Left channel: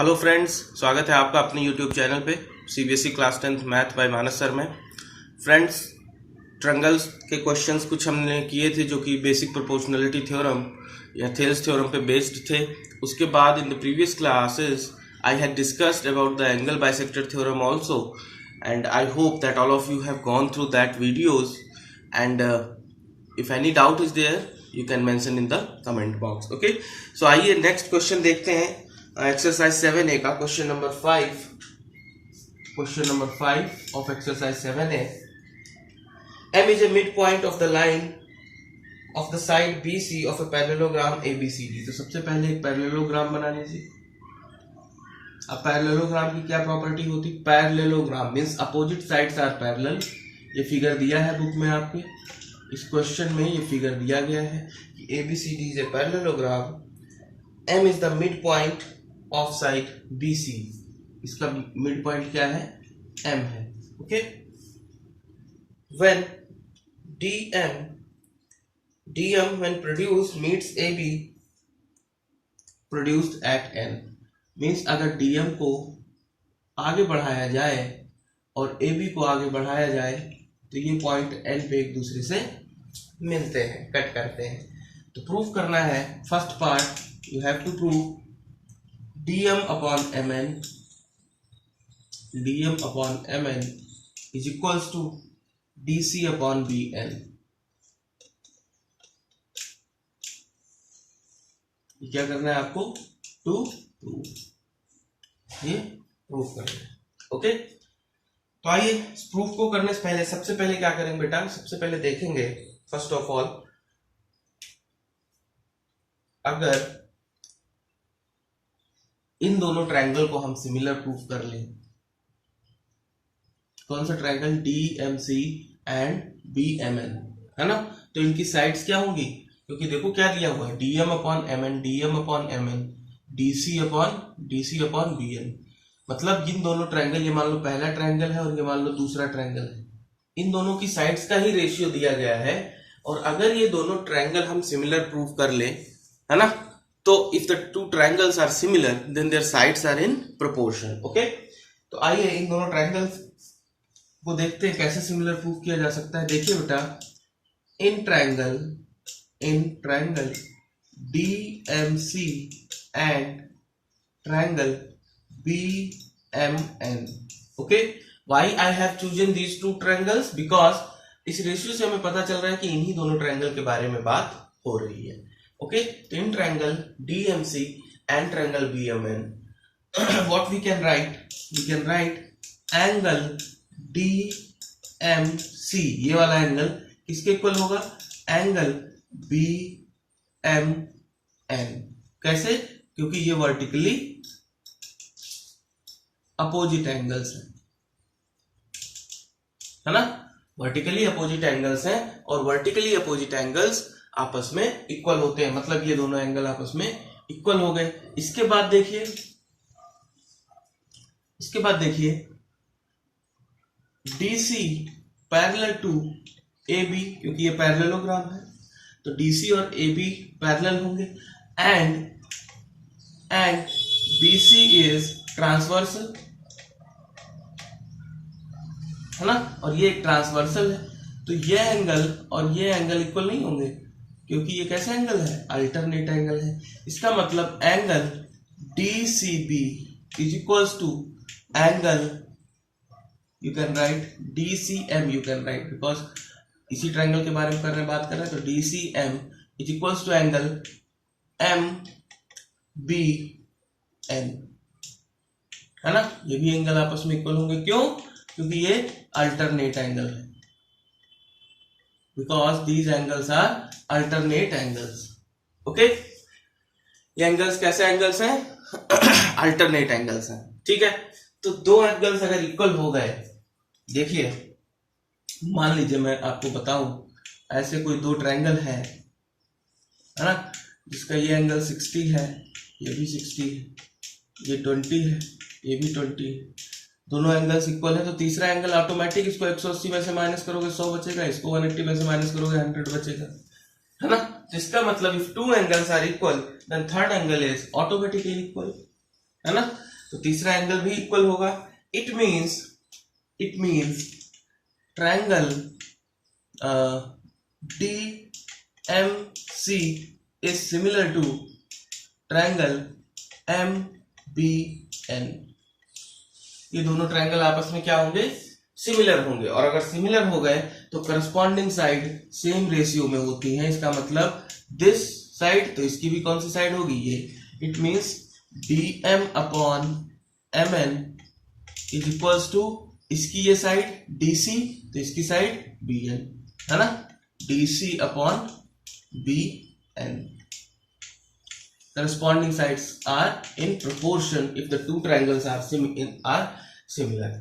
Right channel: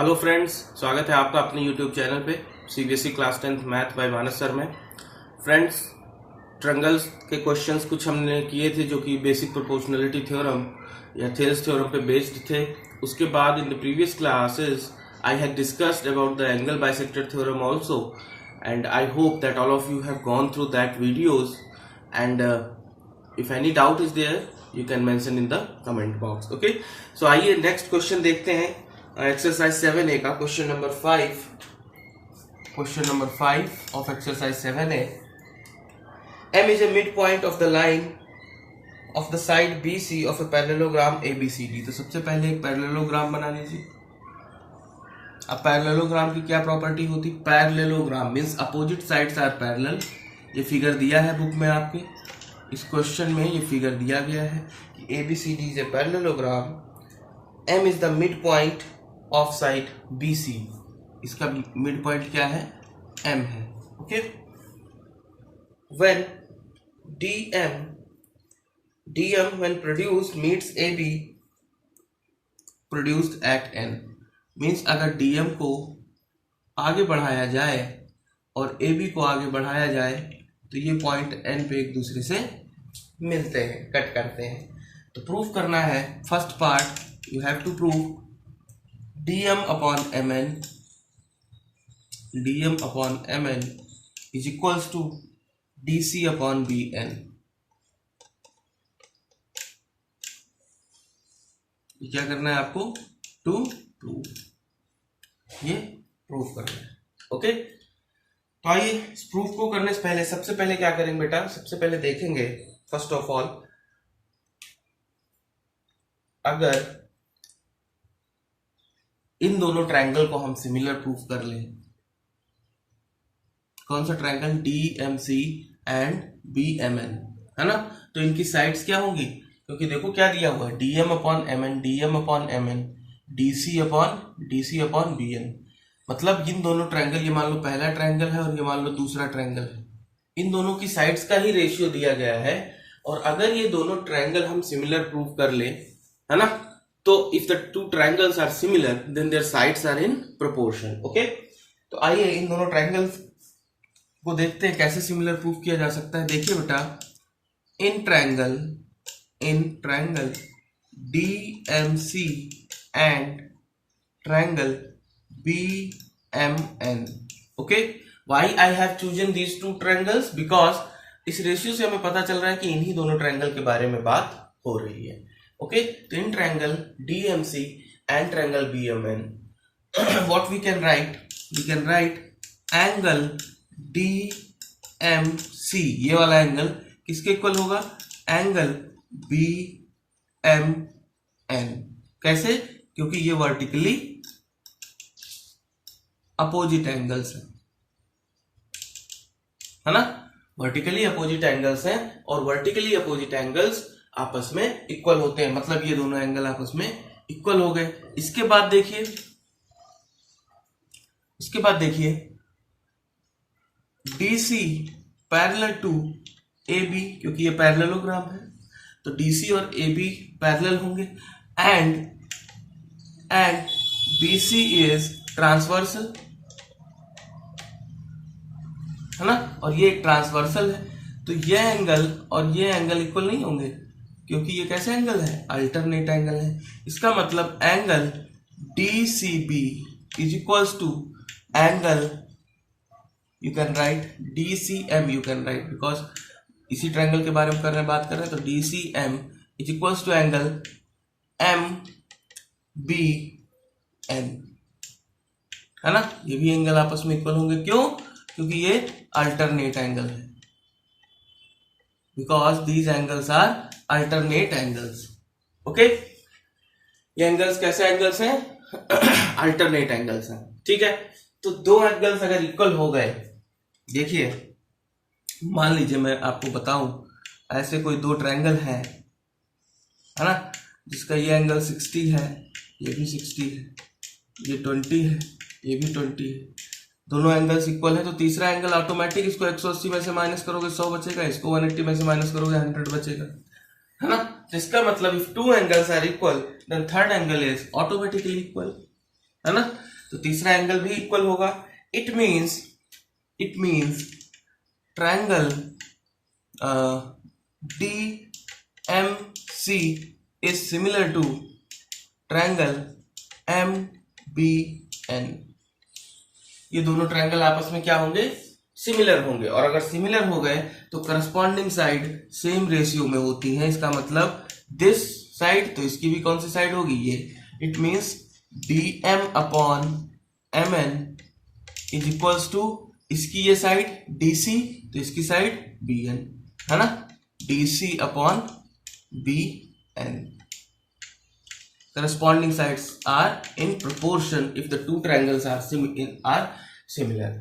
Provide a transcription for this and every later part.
Hello friends, स्वागत है आपका अपने यूट्यूब चैनल पे CBSE class 10th math by Manas sir में। फ्रेंड्स, ट्रायंगल्स के क्वेश्चंस कुछ हमने किए थे जो कि बेसिक प्रोपोर्शनलिटी थ्योरम या थेल्स थ्योरम पे बेस्ड थे। उसके बाद in the previous classes I had discussed about the angle bisector theorem also, and I hope that all of you have gone through that videos, and if any doubt is there you can mention in the comment box. Okay, so आइए next question देखते हैं। Exercise 7A का question number 5 of exercise 7A. M is a midpoint of the line of the side BC of a parallelogram ABCD. तो सबसे पहले एक parallelogram बना लीजिए। अब पैरेललोग्राम की क्या प्रॉपर्टी होती? Parallelogram means opposite sides are parallel. ये फिगर दिया है बुक में आपके, इस क्वेश्चन में ये फिगर दिया गया है कि ABCD is a parallelogram. M is the midpoint of side BC. इसका मिड पॉइंट क्या है? M है। Okay, when DM when produced meets AB produced at N. Means अगर DM को आगे बढ़ाया जाए और AB को आगे बढ़ाया जाए तो ये पॉइंट N पे एक दूसरे से मिलते हैं, कट करते हैं। तो प्रूफ करना है, first part you have to prove dm upon mn is equals to dc upon bn. ये क्या करना है आपको? टू प्रूव, ये प्रूव करना है। ओके, तो आइए इस प्रूफ को करने से पहले सबसे पहले क्या करेंगे बेटा? सबसे पहले देखेंगे फर्स्ट ऑफ ऑल, अगर इन दोनों ट्रायंगल को हम सिमिलर प्रूफ कर लें। कौन सा ट्रायंगल? DMC एंड BMN, है ना? तो इनकी साइड्स क्या होंगी? क्योंकि देखो क्या दिया हुआ है, DM upon MN, DC upon BN। मतलब इन दोनों ट्रायंगल, ये मान लो पहला ट्रायंगल है और ये मान लो दूसरा ट्रायंगल है, इन दोनों की साइड्स का ही रेशियो दिया गया है। और अगर ये दोनों ट्रायंगल हम सिमिलर प्रूफ कर ले, है ना, तो if the two triangles are similar then their sides are in proportion. Okay, तो आइए इन दोनों ट्रायंगल्स को देखते हैं कैसे सिमिलर प्रूफ किया जा सकता है। देखिए बेटा, in triangle DMC and triangle BMN. Okay, why I have chosen these two triangles? because इस रेशियो से हमें पता चल रहा है कि इन्हीं दोनों ट्रायंगल के बारे में बात हो रही है। ओके, तो in triangle DMC and triangle BMN what we can write angle DMC, ये वाला एंगल किसके इक्वल होगा? Angle BMN। कैसे? क्योंकि ये वर्टिकली अपोजिट एंगल्स है ना? वर्टिकली अपोजिट एंगल्स हैं और वर्टिकली अपोजिट एंगल्स आपस में इक्वल होते हैं, मतलब ये दोनों एंगल आपस में इक्वल हो गए। इसके बाद देखिए DC पैरेलल टू AB, क्योंकि ये पैरेललोग्राम है तो DC और AB पैरेलल होंगे, एंड BC इज ट्रांसवर्सल, है ना, और ये एक ट्रांसवर्सल है। तो ये एंगल और ये एंगल इक्वल नहीं होंगे, क्योंकि ये कैसे एंगल है? अल्टरनेट एंगल है। इसका मतलब angle DCB is equals to angle, you can write DCM, you can write, because इसी ट्रायंगल के बारे में बात कर रहे हैं। तो DCM is equals to angle MBN, है ना? ये भी एंगल आपस में इक्वल होंगे। क्यों? क्योंकि ये अल्टरनेट एंगल है, because these angles are alternate angles. Okay, ये एंगल्स कैसे एंगल्स हैं? अल्टरनेट एंगल्स हैं। ठीक है, तो दो एंगल्स अगर इक्वल हो गए, देखिए मान लीजिए मैं आपको बताऊं, ऐसे कोई दो ट्रायंगल है ना, जिसका ये एंगल 60 है, ये भी 60 है, ये 20 है, ये भी 20 है, दोनों एंगल्स इक्वल है। तो तीसरा एंगल ऑटोमेटिक, इसको 180 में से माइनस करोगे 100 बचेगा, इसको 180 में से माइनस करोगे 100 बचेगा, है ना। जिसका मतलब if two angles are equal then third angle is automatically equal, है ना। तो तीसरा एंगल भी इक्वल होगा। It means triangle DMC is similar to triangle MBN। ये दोनों ट्रायंगल आपस में क्या होंगे, सिमिलर होंगे, और अगर सिमिलर हो गए तो करस्पॉन्डिंग साइड सेम रेशियो में होती है। इसका मतलब दिस साइड तो इसकी भी कौन सी साइड होगी, ये। It means DM upon MN is equals to इसकी ये साइड DC तो इसकी साइड BN, है ना, DC upon BN। corresponding sides are in proportion if the two triangles are similar।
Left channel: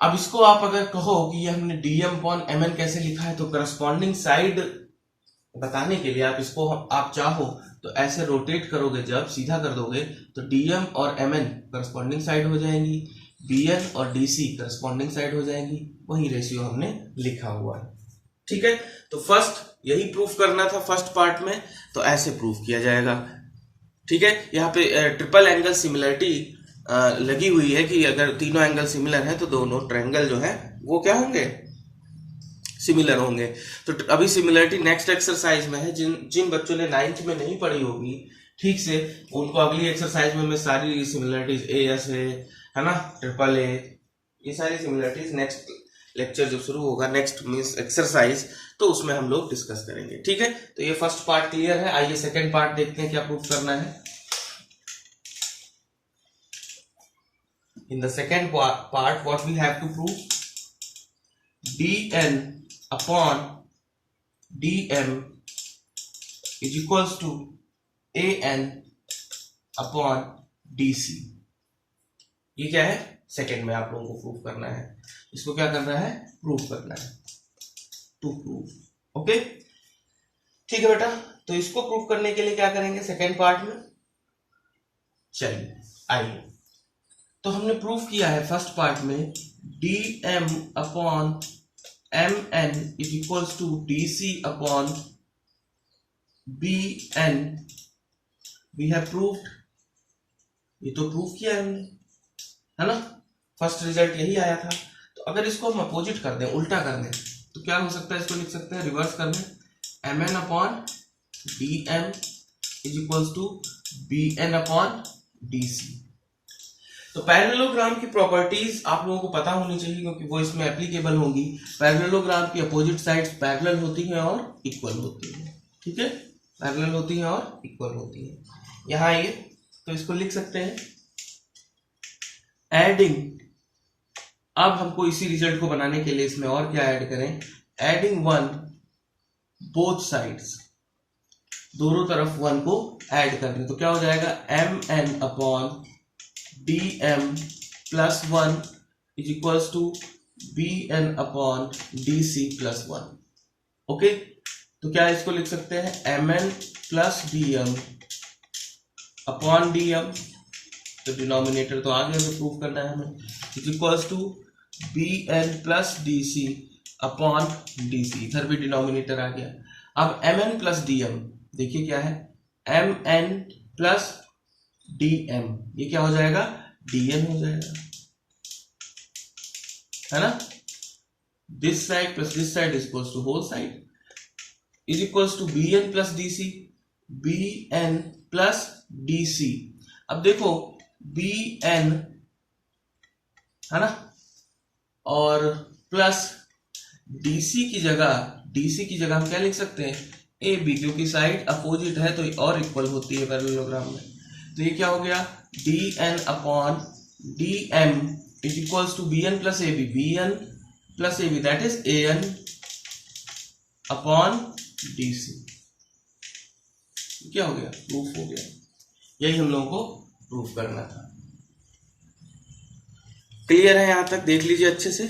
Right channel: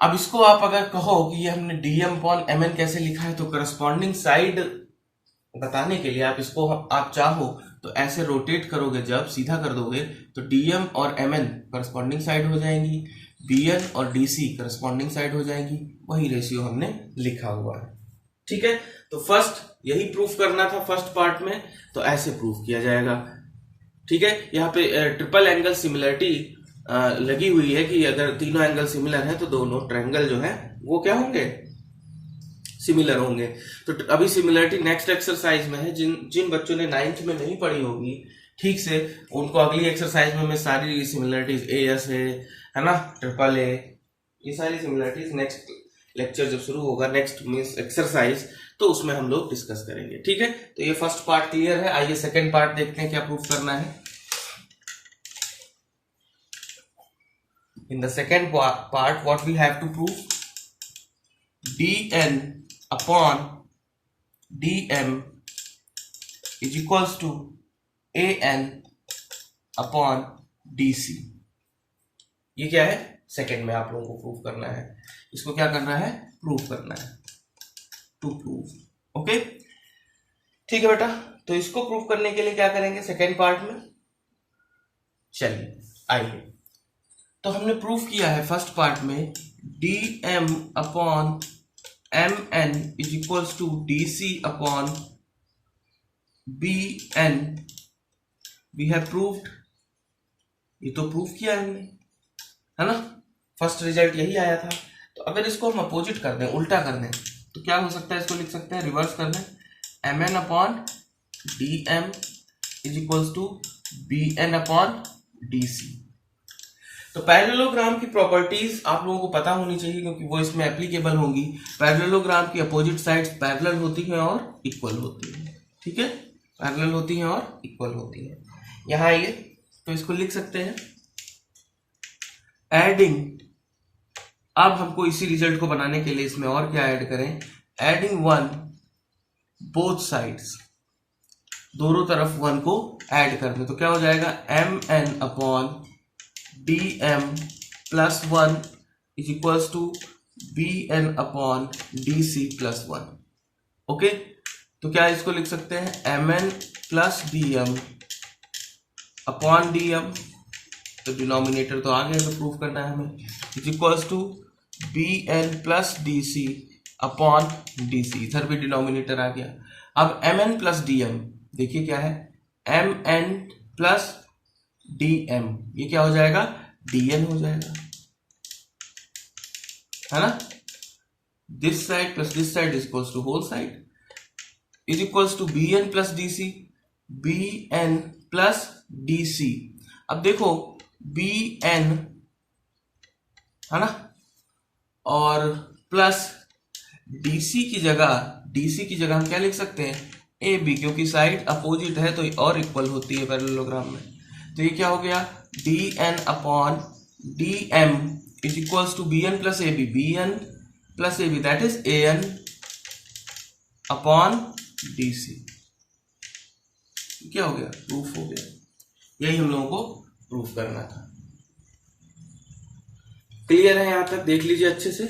अब इसको आप अगर कहो कि ये हमने DM अपॉन MN कैसे लिखा है, तो करस्पॉन्डिंग साइड बताने के लिए आप इसको आप चाहो तो ऐसे रोटेट करोगे, जब सीधा कर दोगे तो DM और MN करस्पॉन्डिंग साइड हो जाएंगी, BN और DC करस्पॉन्डिंग साइड हो जाएंगी। वही रेशियो हमने लिखा हुआ है, ठीक है। तो फर्स्ट यही प्रूफ करना था फर्स्ट पार्ट में, तो ऐसे प्रूफ किया जाएगा, ठीक है। यहाँ पे ट्रिपल एंगल सिमिलरिटी लगी हुई है कि अगर तीनों एंगल सिमिलर है तो दोनों ट्रायंगल जो है वो क्या होंगे, सिमिलर होंगे। तो अभी सिमिलरिटी नेक्स्ट एक्सरसाइज में है। जिन बच्चों ने 9th में नहीं पढ़ी होगी ठीक से, उनको अगली एक्सरसाइज में मैं सारी सिमिलरिटीज AS है ना, ट्रिपल A, ये सारी सिमिलरिटीज नेक्स्ट लेक्चर जब शुरू होगा, नेक्स्ट मींस एक्सरसाइज, तो उसमें हम लोग डिस्कस करेंगे, ठीक है। तो ये फर्स्ट पार्ट क्लियर है। आइए सेकंड पार्ट देखते हैं क्या प्रूफ करना है। In the second part what we have to prove, DN upon DM is equals to AN upon DC। ये क्या है, सेकंड में आप लोगों को प्रूफ करना है। इसको क्या करना है, प्रूफ करना है, टू प्रूफ, ओके, ठीक है बेटा। तो इसको प्रूफ करने के लिए क्या करेंगे सेकेंड पार्ट में, चलिए आइए। तो हमने प्रूफ किया है फर्स्ट पार्ट में DM upon MN is equals to DC upon BN। We have proved, ये तो प्रूफ किया हमने, है ना। फर्स्ट रिजल्ट यही आया था। तो अगर इसको हम अपोजिट कर दें, उल्टा कर दें, तो क्या हो सकता है, इसको लिख सकते हैं, रिवर्स कर दें, MN upon DM is equals to BN upon DC। तो पैरेललोग्राम की प्रॉपर्टीज आप लोगों को पता होनी चाहिए, क्योंकि वो इसमें एप्लीकेबल होंगी। पैरेललोग्राम की अपोजिट साइड्स पैरेलल होती हैं और इक्वल होती हैं, ठीक है, पैरेलल होती हैं और इक्वल होती हैं। यहां आइए, तो इसको लिख सकते हैं एडिंग। अब हमको इसी रिजल्ट को बनाने के लिए इसमें और क्या ऐड करें, एडिंग 1 बोथ साइड्स, दोनों तरफ 1 को ऐड कर दें, तो क्या हो जाएगा, MN upon DM plus 1 is equals to BN upon DC plus 1, okay. तो क्या इसको लिख सकते हैं, MN plus DM upon DM, तो डिनोमिनेटर तो आ गया, तो प्रूफ करना है हमें, is equals to BN plus DC upon DC, इधर भी डिनोमिनेटर आ गया। अब MN प्लस DM देखिए क्या है, MN प्लस DM, ये क्या हो जाएगा, DN हो जाएगा, है ना। This side plus this side is equals to whole side is equals to BN plus DC, BN plus DC। अब देखो BN है ना, और प्लस DC की जगह हम क्या लिख सकते हैं, AB, क्योंकि साइड अपोजिट है तो और इक्वल होती है पैरेललोग्राम में। तो ये क्या हो गया, DN upon DM is equals to BN plus AB, BN plus AB that is AN upon DC। क्या हो गया, प्रूफ हो गया। यही हम लोगों को प्रूफ करना था। क्लियर है यहां तक, देख लीजिए अच्छे से।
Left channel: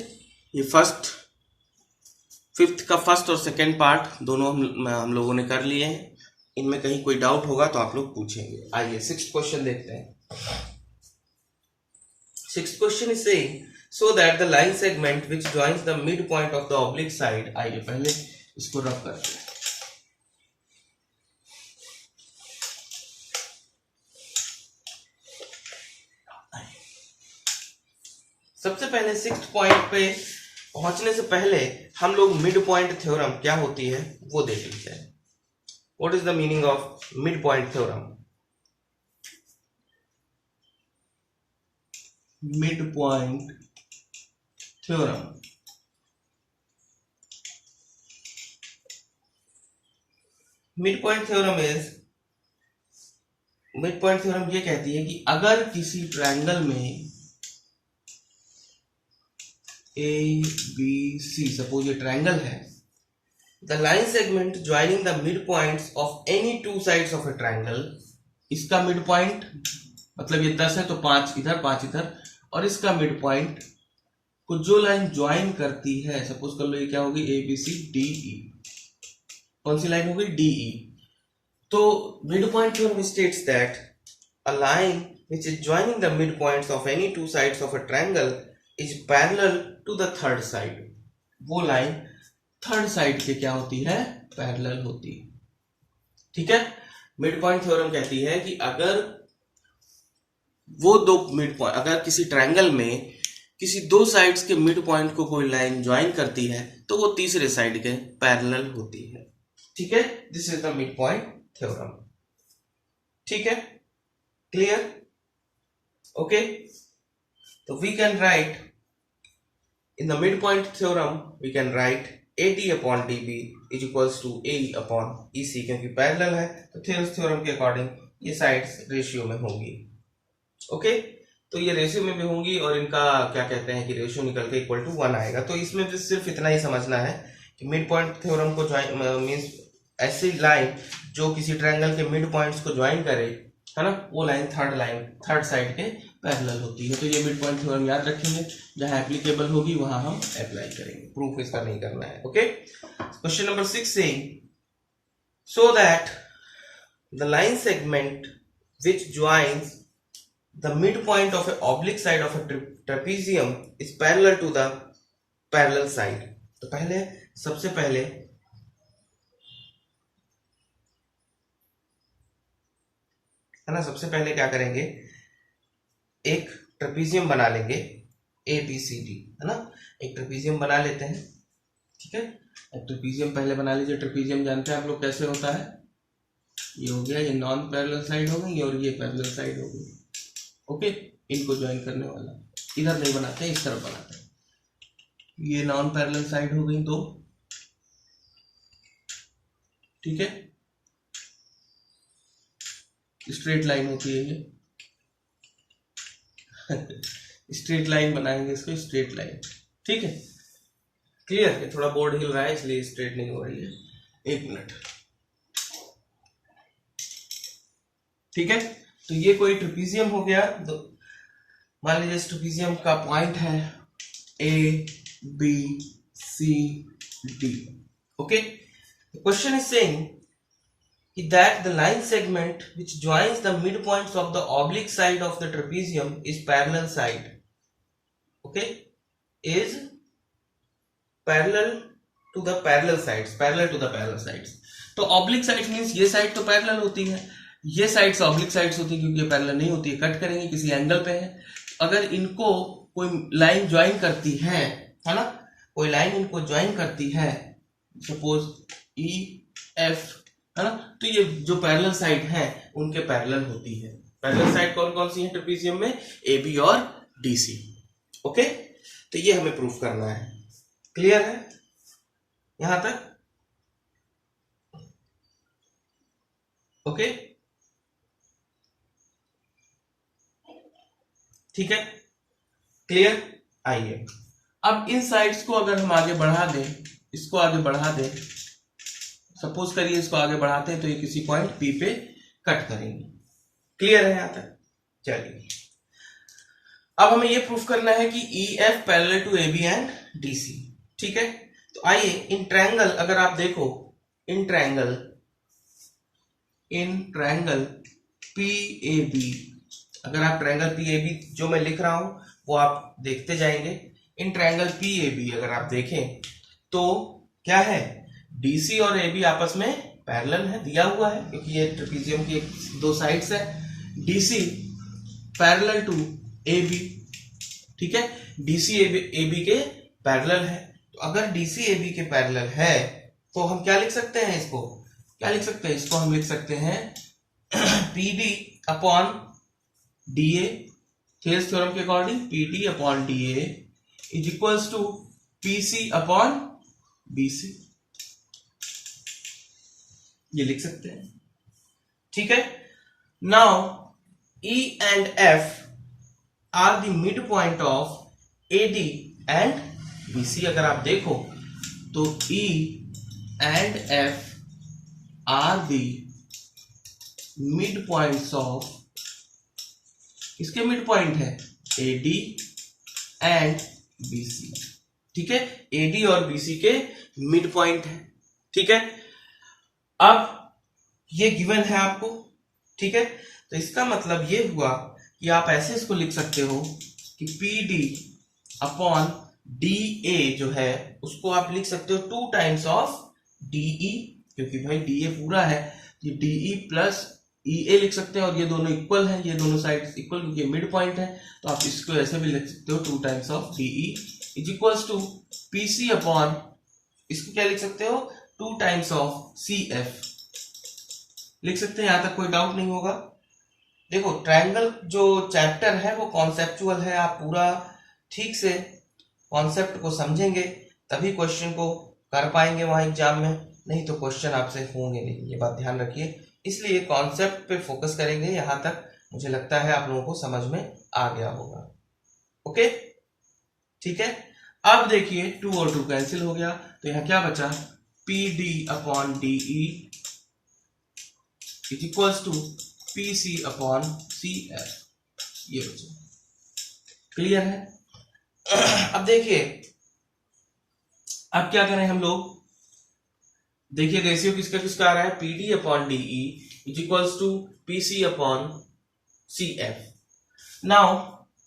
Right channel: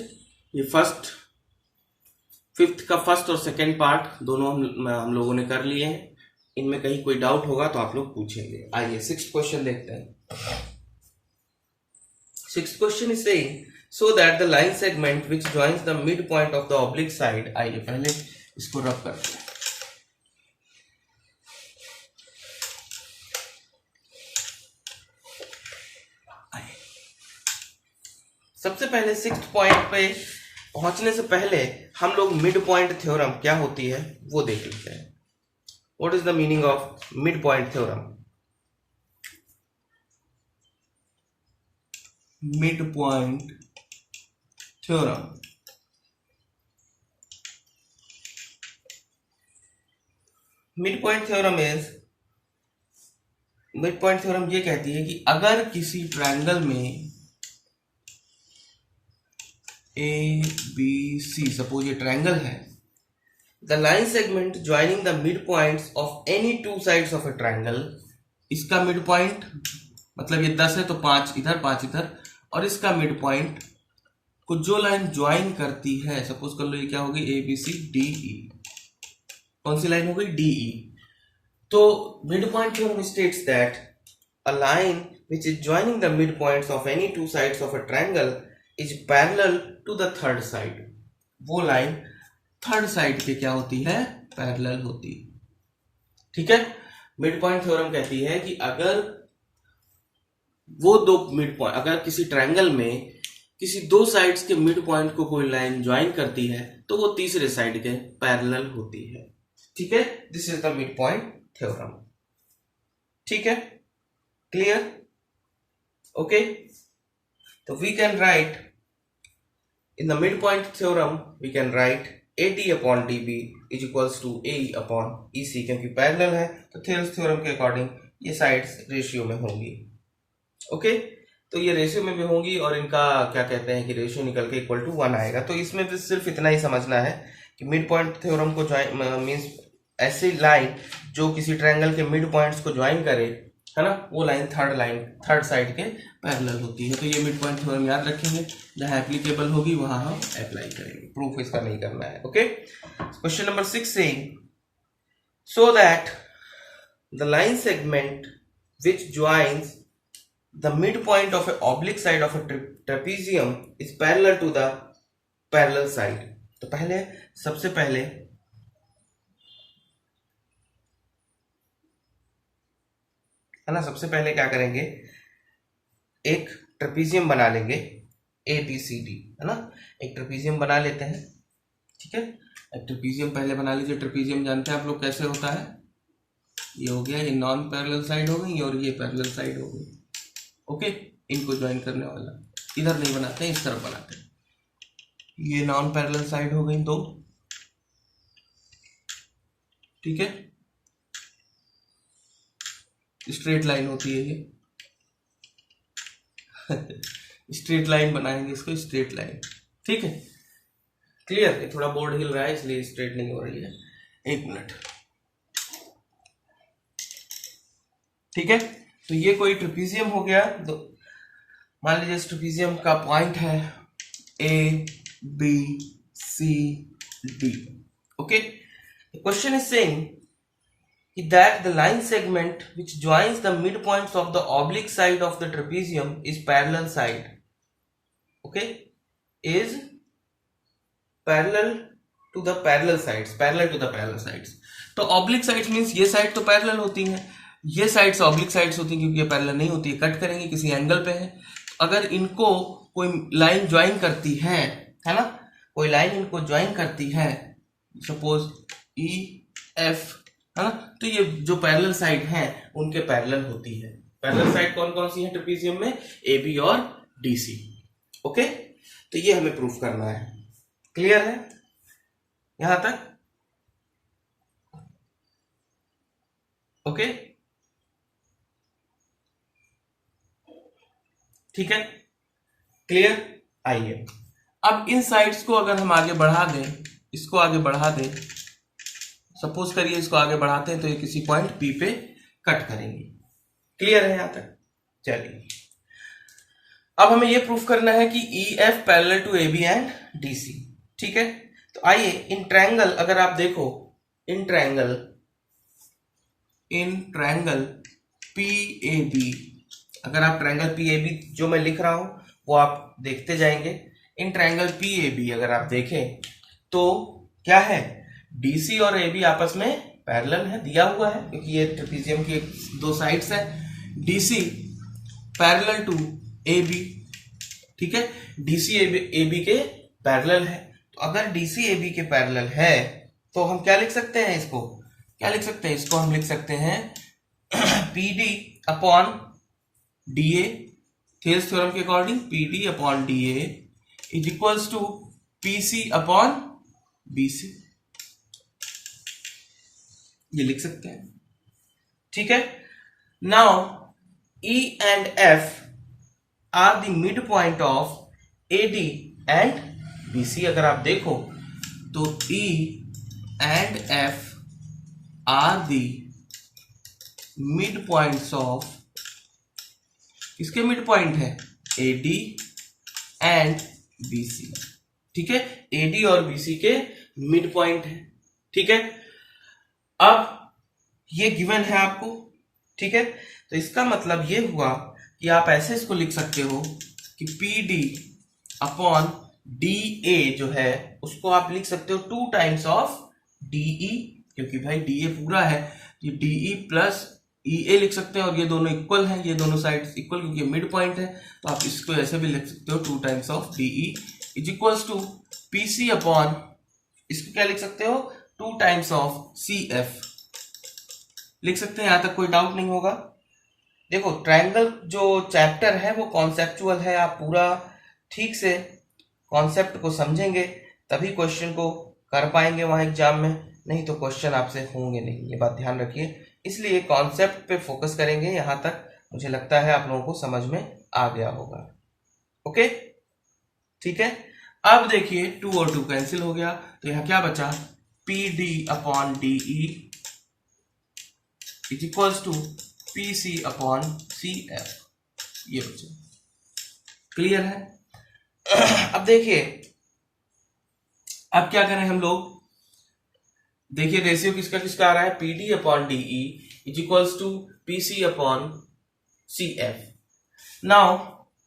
ये फिफ्थ का फर्स्ट और सेकेंड पार्ट दोनों हम लोगों ने कर लिए हैं। इनमें कहीं कोई डाउट होगा तो आप लोग पूछेंगे। आइए 6th क्वेश्चन देखते हैं। 6th question is saying so that the line segment which joins the mid point of the oblique side. आइए पहले इसको रब करते हैं। सबसे पहले 6th पॉइंट पे पहुंचने से पहले हम लोग मिड पॉइंट थ्योरम क्या होती है वो देख लेते हैं। What is the meaning of mid point theorem? Mid point theorem, mid point theorem ये कहती है कि अगर किसी ट्रायंगल में ए बी सी, सपोज ये ट्रायंगल है, the line segment joining the midpoints of any two sides of A triangle, इसका मिड पॉइंट मतलब ये 10 है तो 5 इधर 5 इधर, और इसका मिड पॉइंट को जो लाइन ज्वाइन करती है, सपोज कर लो ये क्या होगी, A B C D E, कौन सी लाइन हो गई, डी ई। तो midpoint theorem states that a line which is joining the midpoints of any two sides of a triangle is parallel to the third side. वो line third side के क्या होती है, parallel होती है। ठीक है, मिड पॉइंट थ्योरम कहती है कि अगर वो दो मिड पॉइंट, अगर किसी ट्रायंगल में किसी दो साइड्स के मिड पॉइंट को कोई लाइन ज्वाइन करती है तो वो तीसरे साइड के पैरेलल होती है। ठीक है, this is the midpoint theorem. ठीक है, क्लियर? ओके, तो we can write in the midpoint theorem, we can write AD upon DB is equals to AE upon EC, क्योंकि पैरेलल है तो थेल्स थ्योरम के according ये sides ratio में होंगी। ओके, तो ये रेशियो में भी होंगी और इनका क्या कहते हैं कि रेशियो निकल के इक्वल टू 1 आएगा। तो इसमें भी सिर्फ इतना ही समझना है कि मिड पॉइंट थ्योरम को ज्वाइन मींस ऐसी लाइन जो किसी ट्रायंगल के मिड पॉइंट्स को ज्वाइन करे, है ना, वो लाइन थर्ड साइड के पैरेलल होती है। तो ये मिड पॉइंट थ्योरम याद रखेंगे, जहां एप्लीकेबल होगी वहां हम अप्लाई करेंगे, प्रूफ इसका नहीं करना है। ओके, क्वेश्चन नंबर 6 से, so that the line segment which joins the midpoint of a oblique side of a trapezium is parallel to the parallel side। तो सबसे पहले है ना, सबसे पहले क्या करेंगे, एक ट्रेपीजियम बना लेंगे ABCD, है ना, एक ट्रेपीजियम बना लेते हैं। ठीक है, एक ट्रेपीजियम पहले बना लीजिए। ट्रेपीजियम जानते हैं आप लोग कैसे होता है, ये हो गया, ये नॉन पैरेलल साइड हो गई और ये पैरेलल साइड हो गई। ओके, इनको ज्वाइन करने वाला इधर नहीं बनाते, इस तरफ बनाते हैं। ये नॉन पैरेलल साइड हो गई दो। ठीक है, स्ट्रेट लाइन होती है ये स्ट्रेट लाइन बनाएंगे इसको, स्ट्रेट लाइन। ठीक है, क्लियर? ये थोड़ा बोर्ड हिल रहा है इसलिए स्ट्रेट नहीं हो रही है, एक मिनट। ठीक है, तो ये कोई ट्रेपीजियम हो गया। तो मान लीजिए इस ट्रेपीजियम का पॉइंट है ABCD। Okay, the question is saying that the line segment which joins the midpoints of the oblique side of the trapezium is parallel side, okay, is parallel to the parallel sides, तो oblique sides means ये side तो parallel होती है, ये sides oblique sides होती है, क्योंकि ये पैरेलल नहीं होती है, कट करेंगे किसी एंगल पे है। अगर इनको कोई लाइन ज्वाइन करती है ना, कोई लाइन इनको ज्वाइन करती है, सपोज EF, है ना, तो ये जो पैरेलल साइड है उनके पैरेलल होती है। पैरेलल साइड कौन कौन सी है ट्रेपीजियम में, AB और DC। ओके, तो ये हमें प्रूफ करना है। क्लियर है यहां तक? ओके, ठीक है, क्लियर? आइए अब इन साइड्स को अगर हम आगे बढ़ा दें, इसको आगे बढ़ा दें, सपोज करिए इसको आगे बढ़ाते हैं तो ये किसी पॉइंट P पे कट करेंगे। क्लियर है यहां तक? चलिए अब हमें ये प्रूफ करना है कि EF parallel to AB and DC। ठीक है, तो आइए इन ट्रायंगल, अगर आप देखो इन ट्रायंगल PAB, अगर आप ट्रायंगल PAB जो मैं लिख रहा हूं वो आप देखते जाएंगे। इन ट्रायंगल PAB अगर आप देखें तो क्या है, DC और AB आपस में पैरेलल है, दिया हुआ है क्योंकि ये ट्रेपीजियम की दो साइड्स है। DC पैरेलल टू AB, ठीक है, डीसी ए बी के पैरेलल है। तो अगर डीसी ए बी के पैरेलल है तो हम क्या लिख सकते हैं, इसको क्या लिख सकते हैं, इसको हम लिख सकते हैं P D upon D A, Thales theorem के according P D upon D A is equals to P C upon B C, ये लिख सकते हैं। ठीक है, now E and F are the midpoint of AD and BC। अगर आप देखो तो E and F are the midpoints of, किसके midpoint है, AD and BC। ठीक है, AD और BC के midpoint है। ठीक है, अब ये गिवन है आपको। ठीक है, तो इसका मतलब ये हुआ कि आप ऐसे इसको लिख सकते हो कि पी डी अपॉन डी ए जो है उसको आप लिख सकते हो 2 टाइम्स ऑफ डीई, क्योंकि भाई डी ए पूरा है, ये डीई प्लस ई ए लिख सकते हैं और ये दोनों इक्वल हैं, ये दोनों साइड इक्वल क्योंकि ये मिड पॉइंट है। तो आप इसको ऐसे भी लिख सकते हो 2 times of DE is equals to P C upon, इसको क्या लिख सकते हो, 2 टाइम्स ऑफ सी एफ लिख सकते हैं। यहां तक कोई डाउट नहीं होगा। देखो ट्रायंगल जो चैप्टर है वो कॉन्सेप्चुअल है, आप पूरा ठीक से कॉन्सेप्ट को समझेंगे तभी क्वेश्चन को कर पाएंगे वहां एग्जाम में, नहीं तो क्वेश्चन आपसे होंगे नहीं, ये बात ध्यान रखिए। इसलिए कॉन्सेप्ट पे फोकस करेंगे। यहां तक मुझे लगता है आप लोगों को समझ में आ गया होगा। ओके, ठीक है, अब देखिए 2 और 2 कैंसिल हो गया, तो यहां क्या बचा, P D upon D E is equals to P C upon C F, ये बचे। क्लियर है। अब देखिए अब क्या करें हम लोग, देखिए रेशियो किसका किसका आ रहा है, P D upon D E is equals to P C upon C F. Now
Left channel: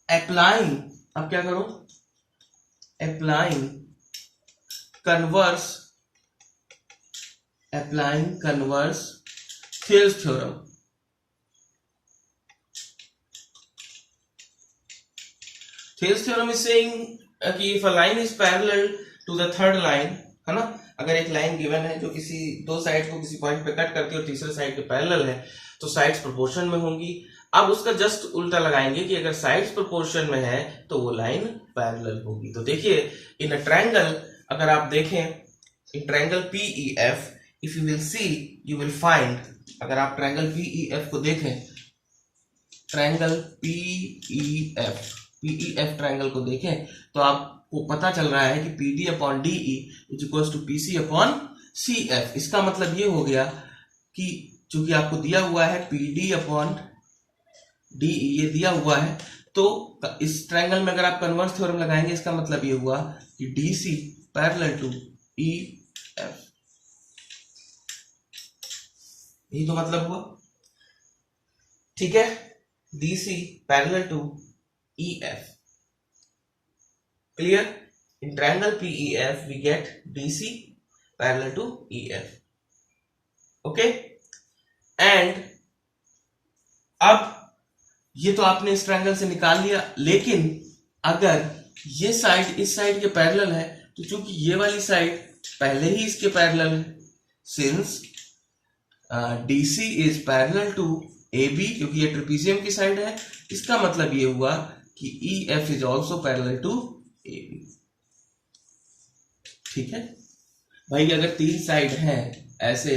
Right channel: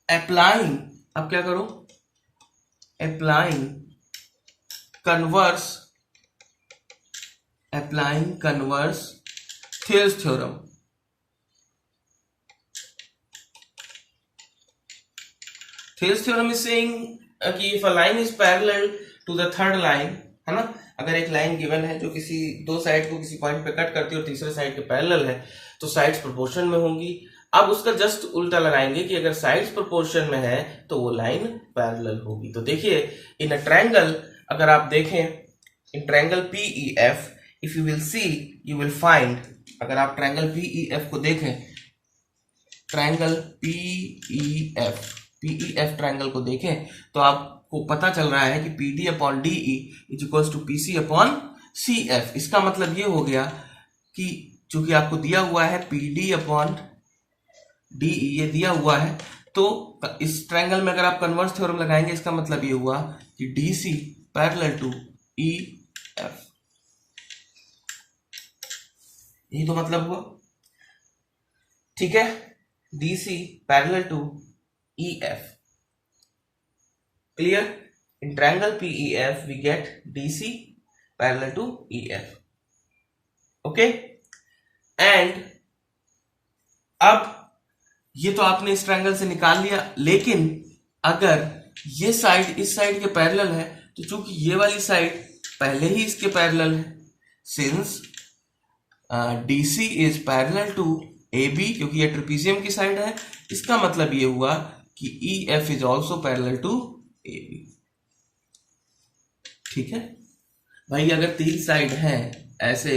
applying, अब क्या करो, applying converse Thales theorem. Thales theorem is saying कि if a line is parallel to the third line, है ना, अगर एक line given है जो किसी 2 साइड को किसी पॉइंट पे कट करती है और तीसरे साइड के पैरेलल है, तो साइड्स प्रोपोर्शन में होंगी। अब उसका जस्ट उल्टा लगाएंगे कि अगर साइड्स प्रोपोर्शन में है तो वो लाइन पैरेलल होगी। तो देखिए इन अ ट्रायंगल, अगर आप देखें in triangle PEF, if you will see you will find, अगर आप ट्रायंगल PEF को देखें, ट्रायंगल PEF ट्रायंगल को देखें तो आपको पता चल रहा है कि P D upon D E is equals to P C upon C F. इसका मतलब ये हो गया कि चूंकि आपको दिया हुआ है पी डी अपॉन डी ई, ये दिया हुआ है, तो इस ट्रायंगल में अगर आप कन्वर्स थ्योरम लगाएंगे इसका मतलब ये हुआ कि D C parallel to E F, यही तो मतलब हुआ। ठीक है, D C parallel to EF, clear? In triangle PEF we get DC parallel to EF, okay? And अब ये तो आपने इस ट्रायंगल से निकाल लिया, लेकिन अगर ये साइड इस साइड के पैरेलल है तो चूंकि ये वाली साइड पहले ही इसके पैरेलल है, since DC is parallel to AB, क्योंकि ये ट्रेपेजियम की साइड है, इसका मतलब ये हुआ कि EF is also parallel to AB। ठीक है भाई, अगर 3 साइड हैं ऐसे,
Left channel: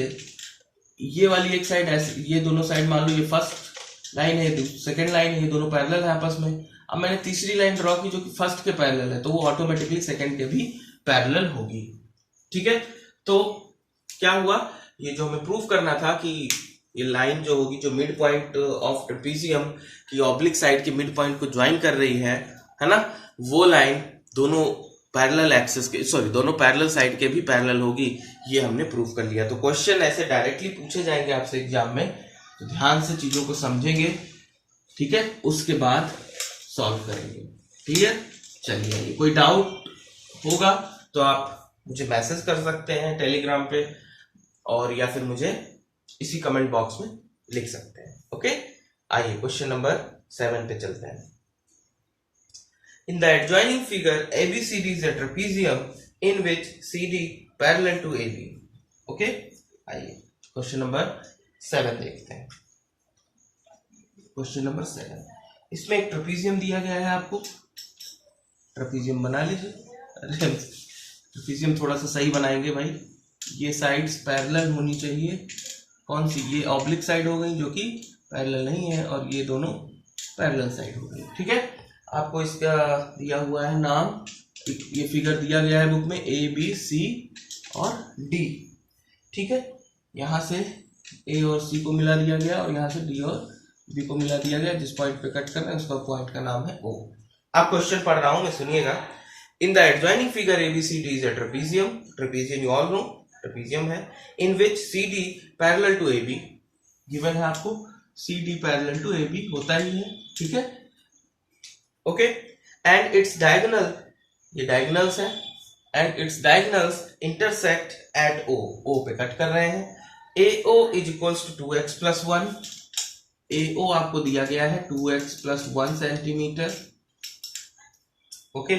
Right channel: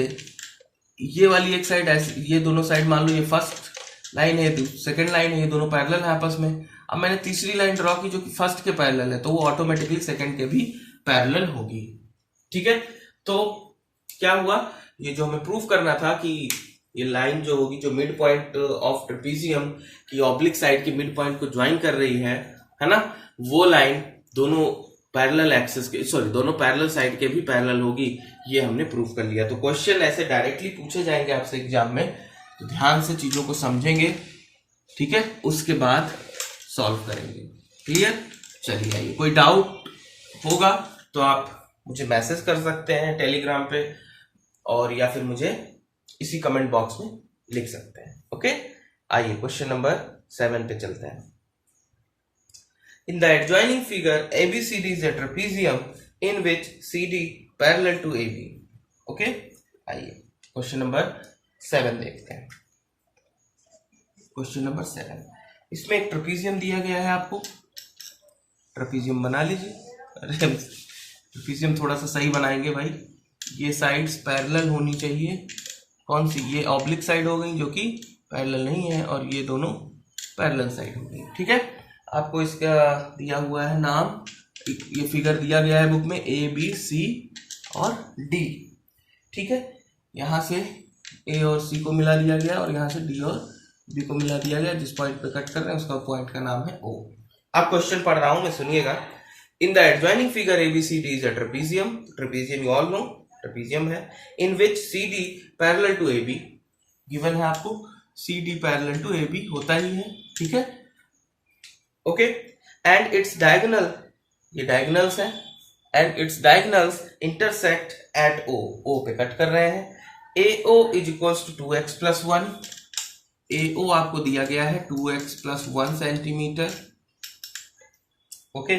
ये वाली एक साइड ऐसे, ये दोनों साइड मान लो ये फर्स्ट लाइन है, सेकंड लाइन है, ये दोनों पैरेलल है आपस में। अब मैंने तीसरी लाइन ड्रॉ की जो कि फर्स्ट के पैरेलल है, तो वो ऑटोमेटिकली सेकंड के भी पैरेलल होगी। ठीक है, तो क्या हुआ, ये जो हमें प्रूफ करना था कि ये लाइन जो होगी जो मिड पॉइंट ऑफ ट्रेपेजियम की ऑब्लिक साइड के मिड पॉइंट को ज्वाइन कर रही है ना, वो लाइन दोनों पैरेलल एक्सिस के, सॉरी दोनों पैरेलल साइड के भी पैरेलल होगी, ये हमने प्रूफ कर लिया। तो क्वेश्चन ऐसे डायरेक्टली पूछे जाएंगे आपसे एग्जाम में, तो ध्यान से चीजों को समझेंगे, ठीक है, उसके बाद सॉल्व करेंगे। क्लियर? चलिए आइए, कोई डाउट होगा तो आप मुझे मैसेज कर सकते हैं टेलीग्राम पे, और या फिर मुझे इसी कमेंट बॉक्स में लिख सकते हैं। ओके, आइए क्वेश्चन नंबर 7 पे चलते हैं। In the adjoining figure, ABCD is a trapezium in which CD parallel to AB. Okay, आइए क्वेश्चन नंबर 7 देखते हैं। क्वेश्चन नंबर 7, इसमें एक ट्रेपेजियम दिया गया है आपको। ट्रेपेजियम बना लीजिए। ट्रेपेजियम थोड़ा सा सही बनाएंगे भाई। ये साइड्स पैरेलल होनी चाहिए। कौन सी? ये ऑब्लिक साइड हो गई जो कि पैरेलल नहीं है, और ये दोनों पैरेलल साइड हो गई। ठीक है, आपको इसका दिया हुआ है नाम, ये फिगर दिया गया है बुक में, ए बी सी और डी। ठीक है, यहाँ से ए और सी को मिला दिया गया और यहाँ से डी और बी को मिला दिया गया। जिस पॉइंट पे कट कर रहे हैं उसका पॉइंट का नाम है ओ। आप क्वेश्चन पढ़ रहा हूं मैं, सुनिएगा। In the adjoining figure ABCD is a trapezium. Trapezium you all know, trapezium है। In which CD parallel to AB given है आपको। CD पैरेलल टू AB होता ही है। ठीक है, ओके। एंड इट्स डायगोनल, ये डायगोनल्स है, and its diagonals intersect at O। O पे कट कर रहे हैं। AO is equals to 2x plus 1। AO आपको दिया गया है 2x plus 1 centimetre. Okay,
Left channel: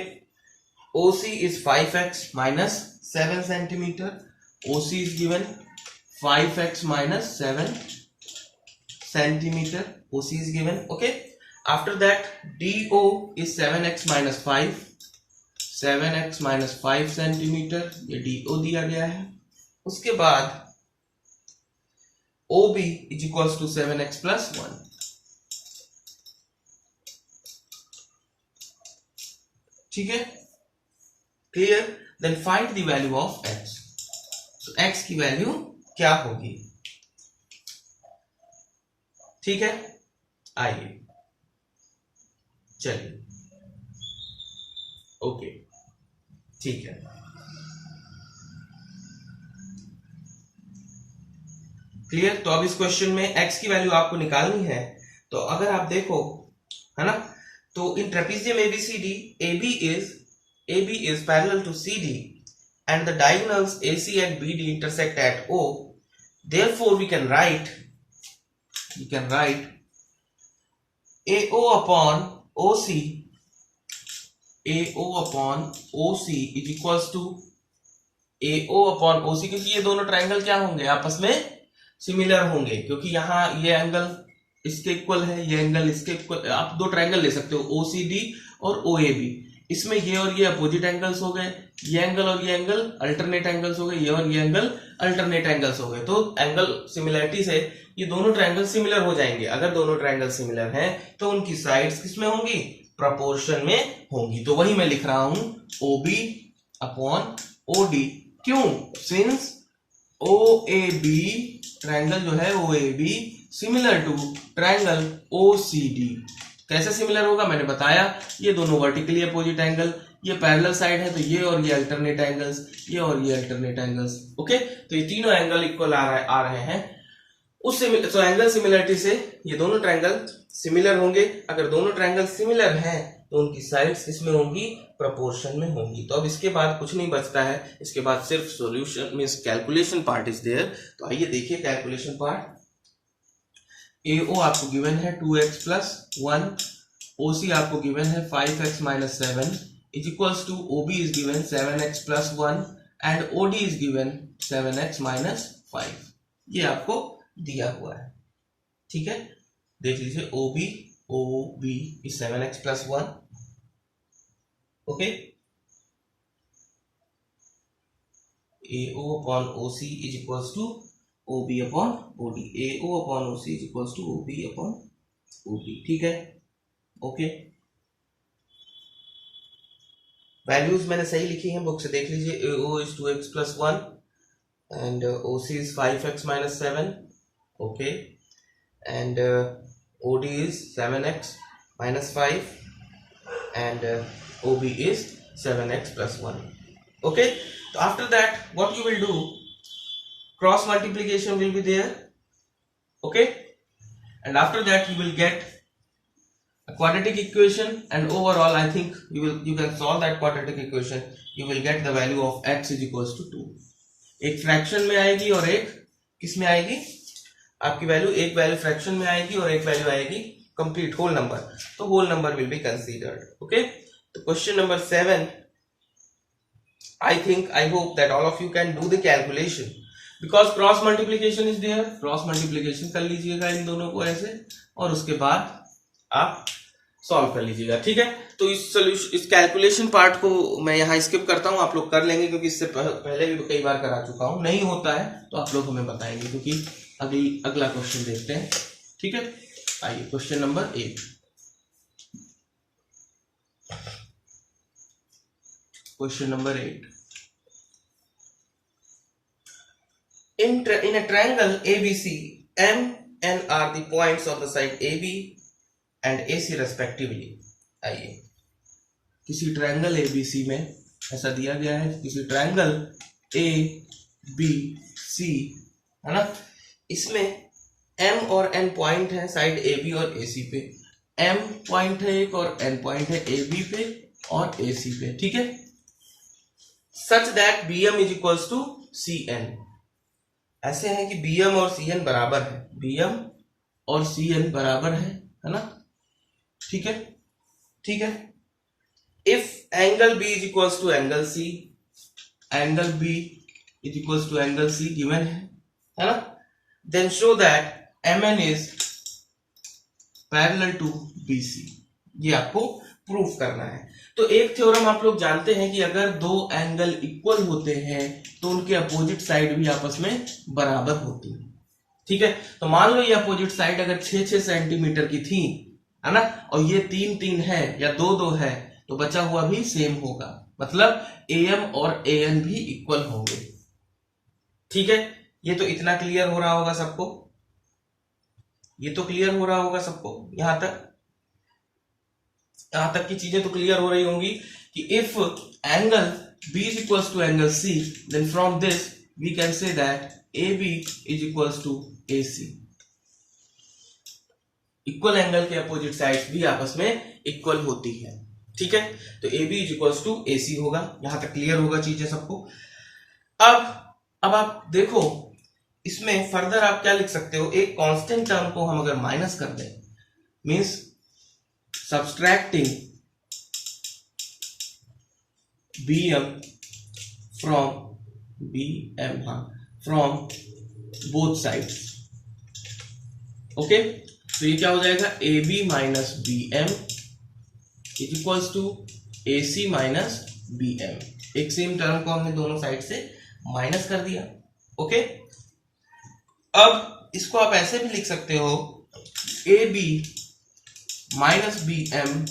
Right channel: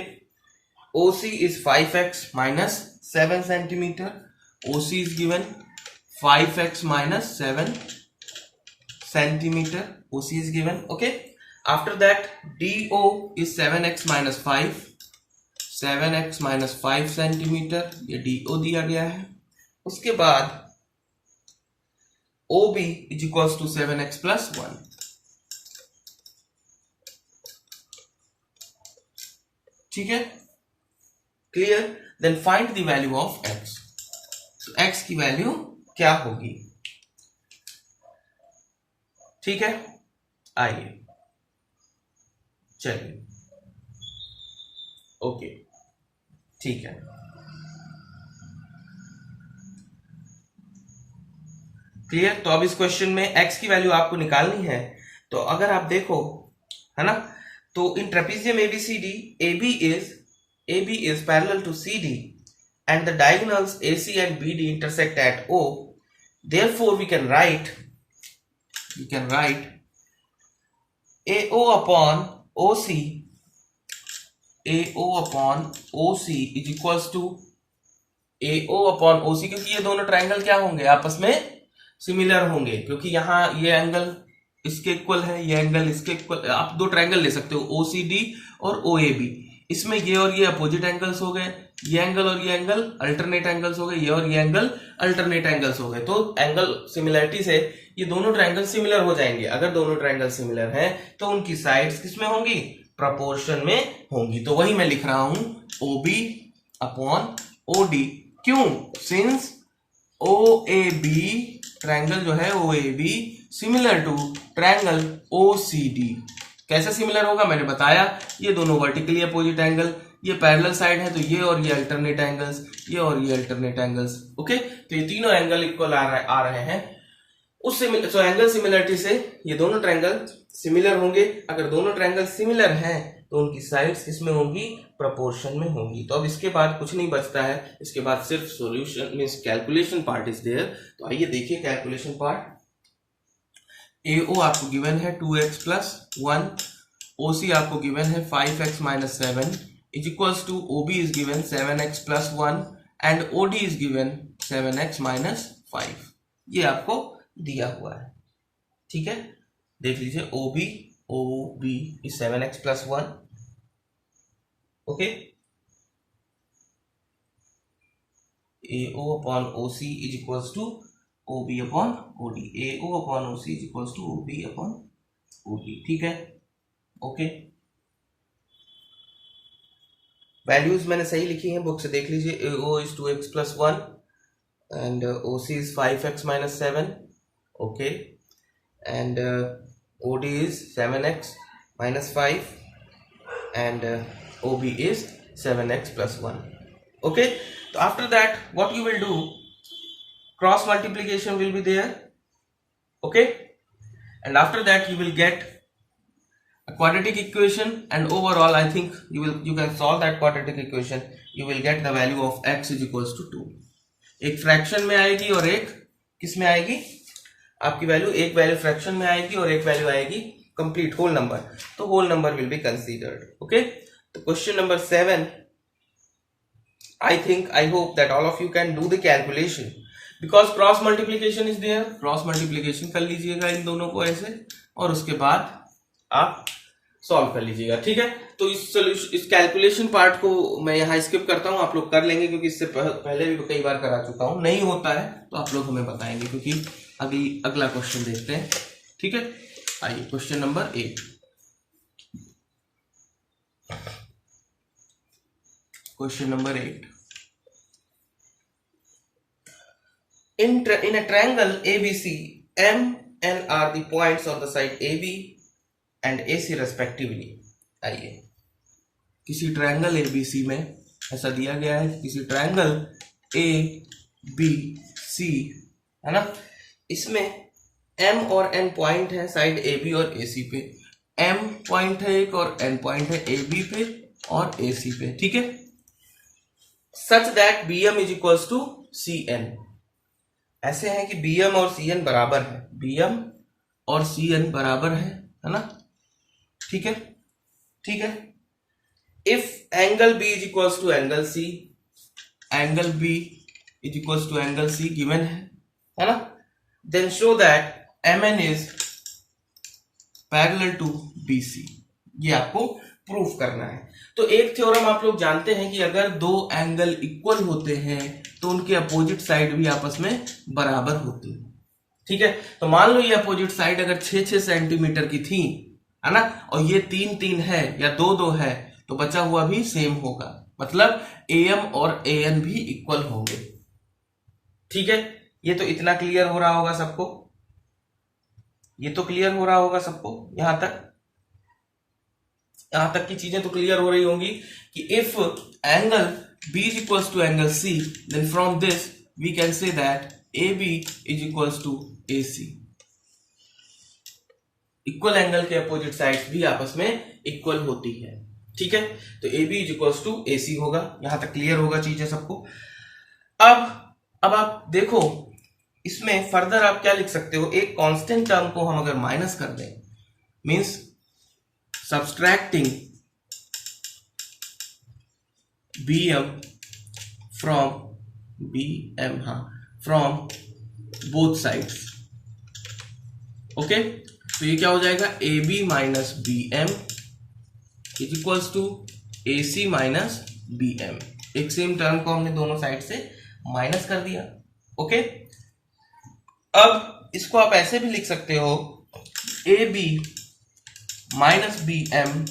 OC is 5x minus 7 centimetre. OC is given 5x minus 7 centimeter. OC is given. Okay, after that DO is 7x minus 5, 7x minus 5 centimeter, ये DO दिया गया है। उसके बाद OB is equals to 7x plus 1। ठीक है, clear. Then find the value of x। तो x की वैल्यू क्या होगी? ठीक है, आइए चलिए। ओके, ठीक है, क्लियर। तो अब इस क्वेश्चन में x की वैल्यू आपको निकालनी है। तो अगर आप देखो, है ना, तो इन trapezium ABCD, AB is parallel to CD and the diagonals AC and BD intersect at O. Therefore we can write AO upon OC, AO upon OC is equals to AO upon OC, क्योंकि ये दोनों triangle क्या होंगे? आपस में similar होंगे, क्योंकि यहाँ ये एंगल इसके इक्वल है, ये एंगल इसके इक्वल। आप दो ट्रायंगल ले सकते हो, OCD और OAB। इसमें ये और ये अपोजिट एंगल्स हो गए, ये एंगल और ये एंगल अल्टरनेट एंगल्स हो गए, ये और ये एंगल अल्टरनेट एंगल्स हो गए। तो एंगल सिमिलरिटी से ये दोनों ट्रायंगल सिमिलर हो जाएंगे। अगर दोनों ट्रायंगल सिमिलर हैं तो उनकी साइड्स किसमें होंगी? प्रोपोर्शन में होंगी। तो वही मैं लिख रहा हूं, OB अपॉन OD। क्यों? सिंस OAB ट्रायंगल जो है OAB similar to triangle OCD। कैसे सिमिलर होगा? मैंने बताया, ये दोनों वर्टिकली अपोजिट एंगल, ये पैरेलल साइड है तो ये और ये अल्टरनेट एंगल्स, ये और ये अल्टरनेट एंगल्स। ओके, तो ये तीनों एंगल इक्वल आ रहे हैं। उस एंगल सिमिलरिटी से ये दोनों ट्रायंगल सिमिलर होंगे। अगर दोनों ट्रायंगल सिमिलर हैं तो उनकी साइड्स किसमें होंगी? प्रोपोर्शन में होंगी। तो अब इसके बाद कुछ नहीं बचता है, इसके बाद सिर्फ solution means calculation part is there. तो आइए देखिए कैलकुलेशन पार्ट। AO आपको गिवन है 2x प्लस 1, OC आपको गिवन है 5x minus 7 is equals to OB is given 7x plus 1 and OD is given 7x minus 5। ये आपको दिया हुआ है। ठीक है, देख लीजिए, OB is 7x plus 1। Okay, AO upon OC is equals to OB upon OD। AO upon OC is equals to OB upon OD। ठीक है, ओके। वैल्यूज मैंने सही लिखी हैं, बुक से देख लीजिए। AO is 2x plus 1 and OC is 5x minus 7। Okay, and OD is 7x minus 5 and OB is 7x plus 1. Okay, so after that what you will do, cross multiplication will be there. Okay, and after that you will get a quadratic equation, and overall I think you can solve that quadratic equation. You will get the value of x is equals to 2. एक fraction में आएगी और एक किस में आएगी? आपकी value, एक वैल्यू फ्रैक्शन में आएगी और एक वैल्यू आएगी कंप्लीट होल नंबर। तो whole number will be considered. Okay, तो question number 7, I hope that all of you can do the calculation because cross multiplication is there. Cross multiplication कर लीजिएगा इन दोनों को ऐसे, और उसके बाद आप सॉल्व कर लीजिएगा, ठीक है। तो इस कैलकुलेशन पार्ट को मैं यहाँ स्किप करता हूँ, आप लोग कर लेंगे क्योंकि इससे पहले भी कई बार करा चुका हूँ। नहीं होता है तो आप लोग हमें बताएंगे, क्योंकि अगला क्वेश्चन देखते हैं, ठीक है। आइए question number 8। Question number 8, in a triangle ABC, M and R the points of the side AB and AC respectively। आइए, किसी ट्रायंगल ABC में ऐसा दिया गया है, किसी ट्रायंगल ABC है ना, इसमें M और N पॉइंट है साइड AB और AC पे। M पॉइंट है एक और N पॉइंट है AB पे और AC पे, ठीक है। Such that BM is equals to CN, ऐसे है कि BM और CN बराबर है, BM और CN बराबर है ना, ठीक है, ठीक है। If angle B is equals to angle C, angle B is equals to angle C given है ना, then show that MN is parallel to BC, ये आपको प्रूफ करना है। तो एक थ्योरम आप लोग जानते हैं कि अगर दो एंगल इक्वल होते हैं तो उनके अपोजिट साइड भी आपस में बराबर होती है, ठीक है। तो मान लो ये अपोजिट साइड अगर 6-6 सेंटीमीटर की थी, है ना, और ये 3-3 है या 2-2 है, तो बचा हुआ भी सेम होगा, मतलब AM और AN भी इक्वल होंगे, ठीक है। ये तो इतना क्लियर हो रहा होगा सबको, ये तो क्लियर हो रहा होगा सबको, यहां तक की चीजें तो क्लियर हो रही होंगी कि if angle B is equals to angle C, then from this we can say that AB is equals to AC। Equal angle के अपोजिट साइड्स भी आपस में इक्वल होती है, ठीक है। तो AB is equals to AC होगा, यहां तक क्लियर होगा चीजें सबको। अब आप देखो, इसमें फर्दर आप क्या लिख सकते हो, एक कांस्टेंट टर्म को हम अगर माइनस कर दें, means subtracting BM from both sides, okay. तो ये क्या हो जाएगा, AB minus BM is equals to AC minus BM। एक सेम टर्म को हमने दोनों साइड से माइनस कर दिया, ओके। अब इसको आप ऐसे भी लिख सकते हो, AB minus BM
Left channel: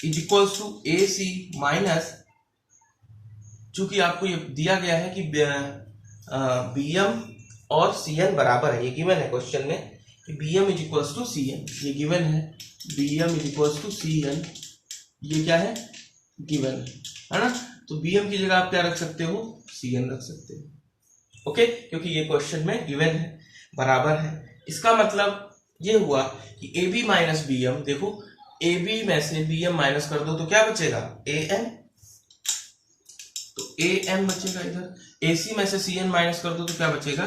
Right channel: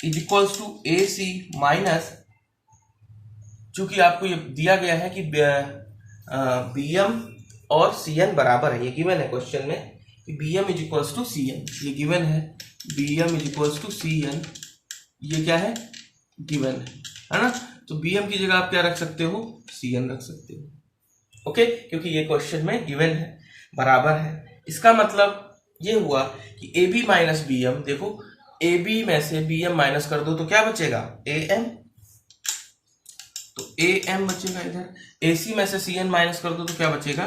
is equals to AC minus, चूंकि आपको ये दिया गया है कि BM और CN बराबर है, ये गिवन है क्वेश्चन में कि BM is equals to CN, ये गिवन है, BM is equals to CN, ये क्या है, गिवन है ना। तो BM की जगह आप क्या रख सकते हो, CN रख सकते हो, ओके, क्योंकि ये क्वेश्चन में गिवन है, बराबर है। इसका मतलब ये हुआ कि AB माइनस BM, देखो AB में से BM माइनस कर दो तो क्या बचेगा, AM, तो AM बचेगा इधर, AC में से CN माइनस कर दो तो क्या बचेगा,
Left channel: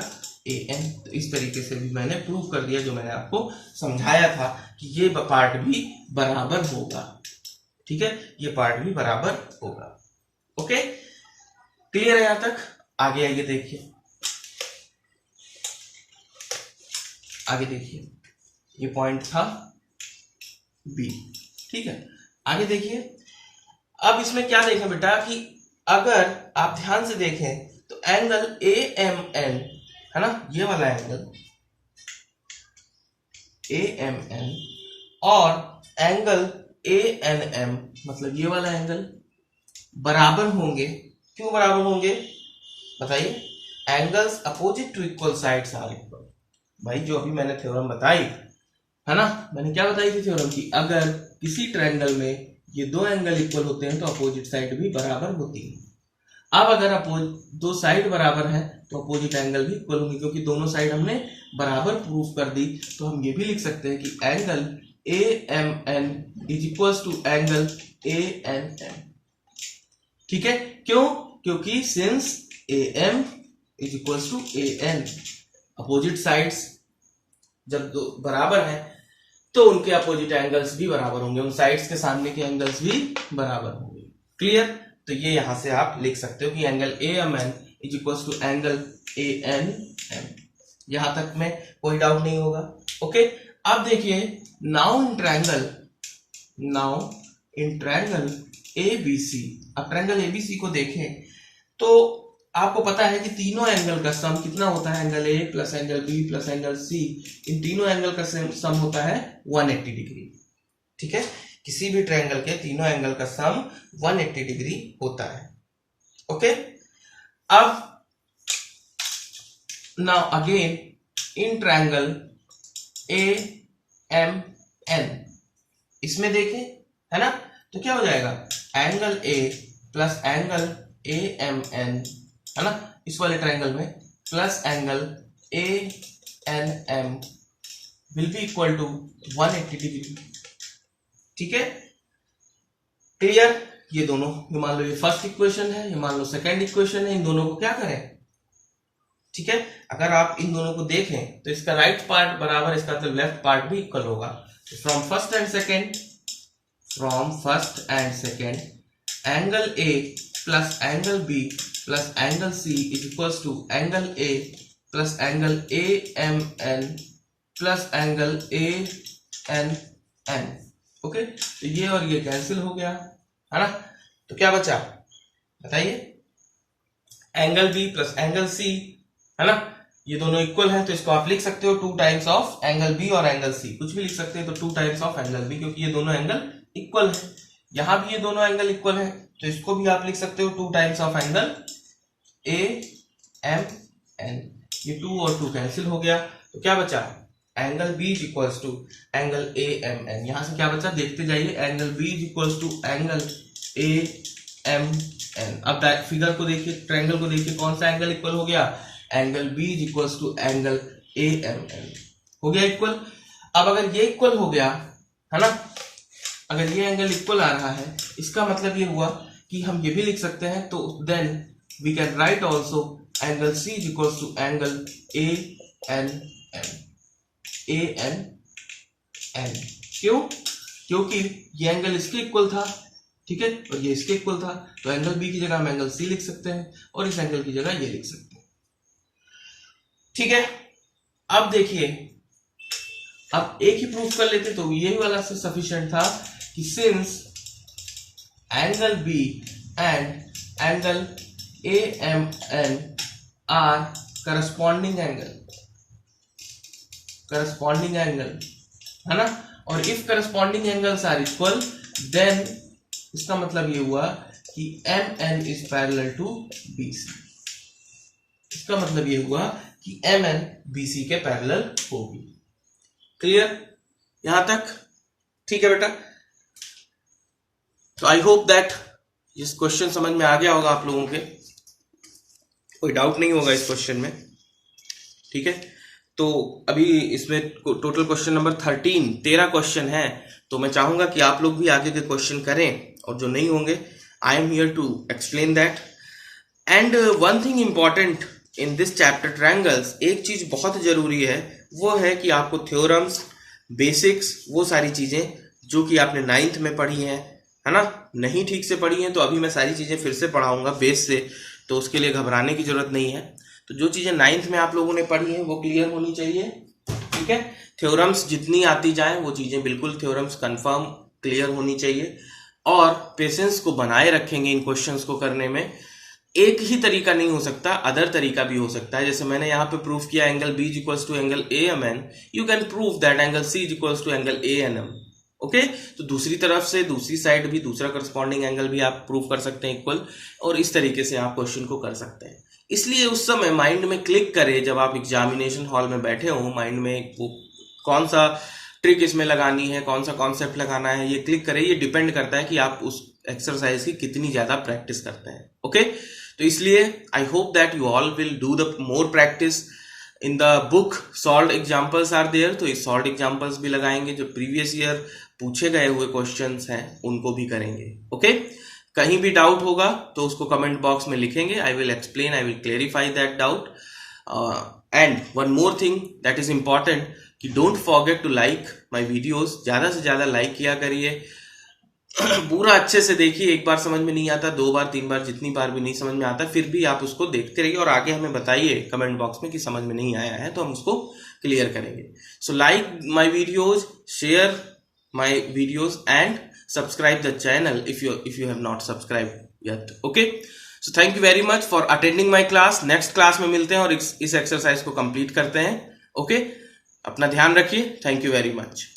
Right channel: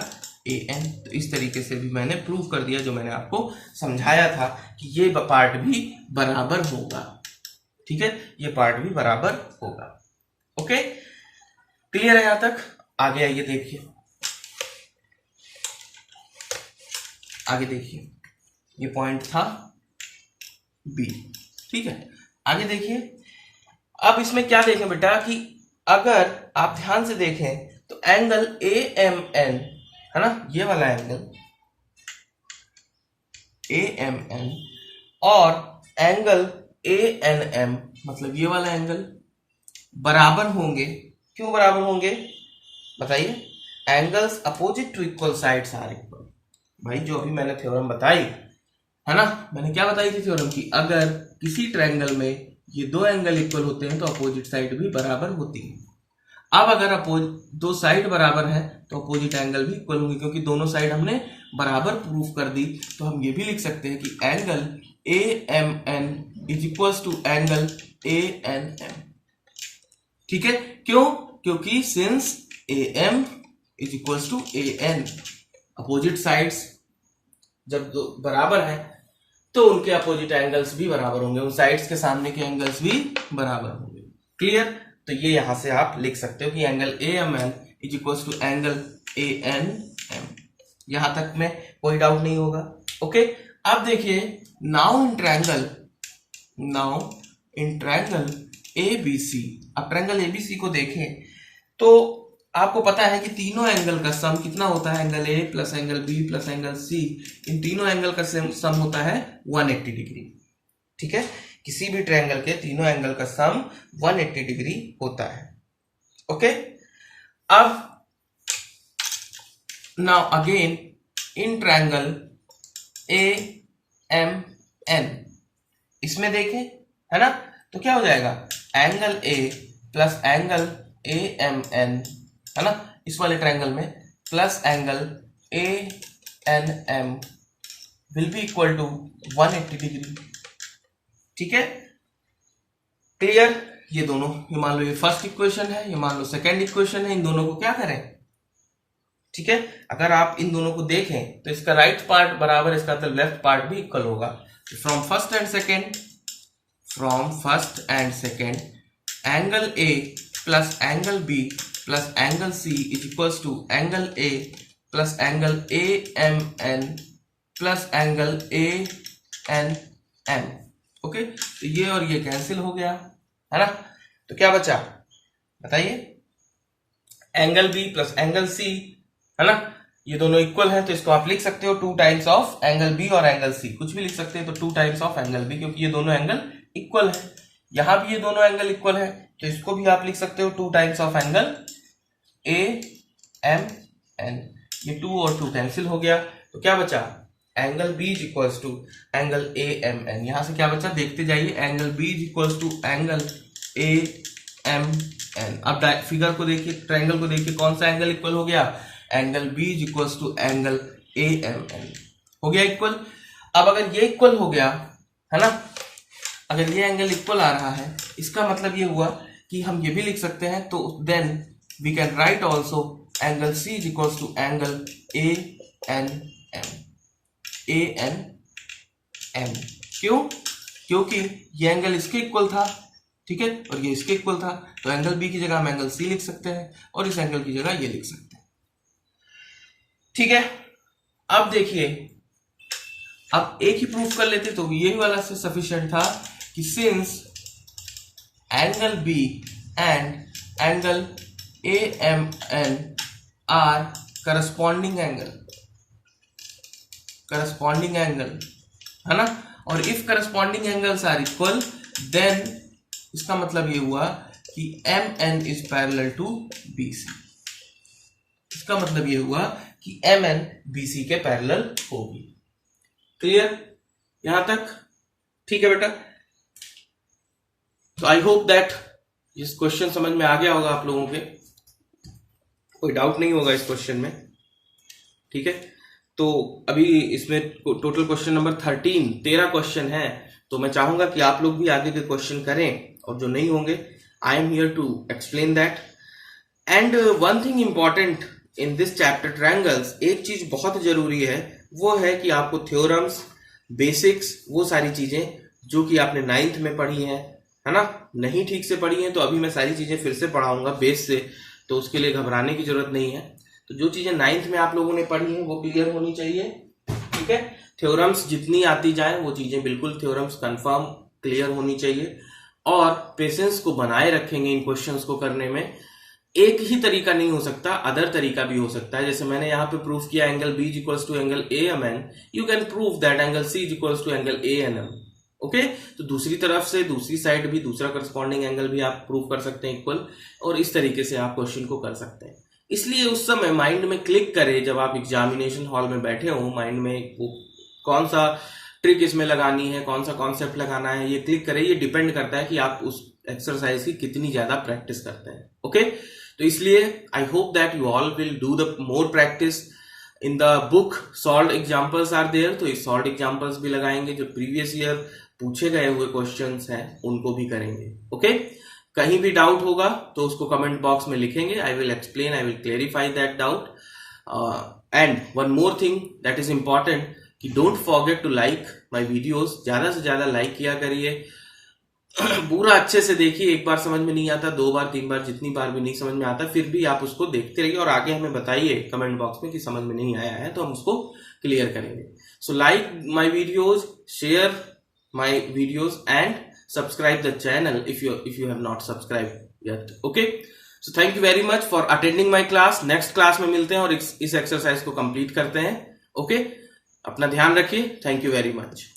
AN। तो इस तरीके से भी मैंने प्रूव कर दिया, जो मैंने आपको समझाया था कि ये पार्ट भी बराबर होगा, ठीक है, ये पार्ट भी बराबर होगा, ओके, क्लियर है यहां तक। आगे आइए, देखिए आगे देखिए, ये पॉइंट था B, ठीक है। आगे देखिए, अब इसमें क्या देखें बेटा कि अगर आप ध्यान से देखें तो एंगल AMN है ना, ये वाला एंगल AMN और एंगल ANM, मतलब ये वाला एंगल बराबर होंगे। क्यों बराबर होंगे बताइए, angles opposite to equal sides are equal. भाई जो अभी मैंने थ्योरम बताई है ना, मैंने क्या बताई थी थ्योरम की, अगर किसी ट्रायंगल में ये दो एंगल इक्वल होते हैं तो अपोजिट साइड भी बराबर होती है। अब अगर दो साइड बराबर है तो अपोजिट एंगल भी इक्वल होंगे, क्योंकि दोनों साइड हमने बराबर प्रूफ कर दी। तो हम ये भी लिख सकते हैं कि angle AMN is equal to angle ANM, ठीक है। क्यों, क्योंकि since AM is equal to AN, opposite sides जब दो बराबर है तो उनके अपोजिट एंगल्स भी बराबर होंगे, उन साइड्स के सामने के एंगल्स भी बराबर होंगे। क्लियर? तो ये यहां से आप लिख सकते हो कि angle AMN is equal to angle ANM। यहां तक में कोई डाउट नहीं होगा। ओके, अब देखिए नाउ इन ट्रायंगल ABC, अब ट्रायंगल ABC को देखें तो आपको पता है कि तीनों एंगल का सम कितना होता है, angle A plus angle B plus angle C, इन तीनों एंगल का सम होता है 180 डिग्री। ठीक है, किसी भी ट्रायंगल के तीनों एंगल का सम 180 डिग्री होता है। ओके, अब now again in triangle AMN, इसमें देखें है ना, तो क्या हो जाएगा, angle A plus angle AMN है ना, इस वाले ट्रायंगल में plus angle ANM will be equal to 180 degree. ठीक है, क्लियर? ये दोनों, ये मान लो ये फर्स्ट इक्वेशन है, ये मान लो सेकेंड इक्वेशन है, इन दोनों को क्या करें, ठीक है, अगर आप इन दोनों को देखें तो इसका राइट पार्ट बराबर इसका तो लेफ्ट पार्ट भी इक्वल होगा। From first and second angle A plus angle B plus angle C is equal to angle A plus angle AMN plus angle ANM। Okay, तो ये और ये कैंसिल हो गया है ना, तो क्या बचा बताइए, angle B plus angle C है ना, ये दोनों इक्वल है, तो इसको आप लिख सकते हो 2 टाइम्स ऑफ एंगल B और एंगल C, कुछ भी लिख सकते हैं, तो 2 टाइम्स ऑफ एंगल B, क्योंकि ये दोनों एंगल इक्वल है। यहां भी ये दोनों एंगल इक्वल है, तो इसको भी आप लिख सकते हो 2 टाइम्स ऑफ एंगल AMN। ये 2 और 2 कैंसिल हो गया, तो क्या बचा, angle B is equals to angle AMN। यहां से क्या बचा, देखते जाइए, angle B is equals to angle AMN। अब फिगर को देखिए, ट्रायंगल को देखिए, कौन सा एंगल इक्वल हो गया, angle B is equals to angle AMN हो गया इक्वल। अब अगर ये इक्वल हो गया है ना, अगर ये एंगल इक्वल आ रहा है, इसका मतलब ये हुआ कि हम ये भी लिख सकते हैं, तो then we can write also angle C is equals to angle ANM। क्यों? क्योंकि ये एंगल इसके इक्वल था, ठीक है, और ये इसके इक्वल था, तो एंगल B की जगह हम एंगल C लिख सकते हैं और इस एंगल की जगह ये लिख सकते हैं। ठीक है, अब देखिए, अब एक ही प्रूफ कर लेते तो ये वाला से सफिशिएंट था कि since angle B and angle AMN are corresponding angle है ना, और if corresponding angles are equal then इसका मतलब ये हुआ कि MN is parallel to BC। इसका मतलब ये हुआ कि MN BC के पैरेलल होगी। क्लियर यहां तक? ठीक है बेटा, तो आई होप दैट इस क्वेश्चन समझ में आ गया होगा आप लोगों के, कोई डाउट नहीं होगा इस क्वेश्चन में। ठीक है, तो अभी इसमें टोटल क्वेश्चन नंबर 13 क्वेश्चन है, तो मैं चाहूंगा कि आप लोग भी आगे के क्वेश्चन करें, और जो नहीं होंगे I am here to explain that. And one thing important in this chapter triangles, एक चीज बहुत जरूरी है, वो है कि आपको थ्योरम्स, बेसिक्स, वो सारी चीजें जो कि आपने 9th में पढ़ी हैं, है ना, नहीं ठीक से पढ़ी हैं, तो अभी मैं सारी चीजें फिर से पढ़ाऊंगा बेस से, तो उसके लिए घबराने की जरूरत नहीं है। तो जो चीजें 9th में आप लोगों ने पढ़ी हैं वो क्लियर होनी चाहिए। ठीक है, थ्योरम्स जितनी आती जाए वो चीजें बिल्कुल थ्योरम्स कंफर्म क्लियर होनी चाहिए, और पेशेंस को बनाए रखेंगे इन क्वेश्चंस को करने में। एक ही तरीका नहीं हो सकता, अदर तरीका भी हो सकता है। जैसे मैंने यहाँ पे प्रूफ किया angle B equals to angle AMN, you can prove that angle C equals to angle ANM। Okay, तो दूसरी तरफ से दूसरी साइड भी दूसरा करस्पॉन्डिंग एंगल भी आप प्रूव कर सकते हैं इक्वल, और इस तरीके से आप क्वेश्चन को कर सकते हैं। इसलिए उस समय माइंड में क्लिक करे, जब आप एग्जामिनेशन हॉल में बैठे हो, माइंड में वो कौन सा ट्रिक इसमें लगानी है, कौन सा कॉन्सेप्ट लगाना है, ये क्लिक करे। ये डिपेंड करता है कि आप उस एक्सरसाइज की कितनी ज्यादा प्रैक्टिस करते हैं। ओके, तो इसलिए I hope that you all will do the more practice. In the book solved examples are there, तो इस सॉल्व्ड एग्जाम्पल्स भी लगाएंगे, जो प्रीवियस ईयर पूछे गए हुए क्वेश्चंस हैं उनको भी करेंगे। ओके, कहीं भी डाउट होगा तो उसको कमेंट बॉक्स में लिखेंगे, I will explain, I will clarify that doubt. And one more thing that is important, कि don't forget to like my videos, ज्यादा से ज्यादा लाइक किया करिए, पूरा अच्छे से देखिए। एक बार समझ में नहीं आता, 2 बार 3 बार, जितनी बार भी नहीं समझ में आता, फिर भी आप उसको देखते रहिए और आगे हमें बताइए कमेंट बॉक्स में कि समझ में नहीं आया है, तो हम उसको क्लियर करेंगे। So like my videos, share my videos and subscribe the channel if you have not subscribed yet. Okay, so thank you very much for attending my class. Next class में मिलते हैं और इस एक्सरसाइज को complete करते हैं। Okay, अपना ध्यान रखिए। Thank you very much.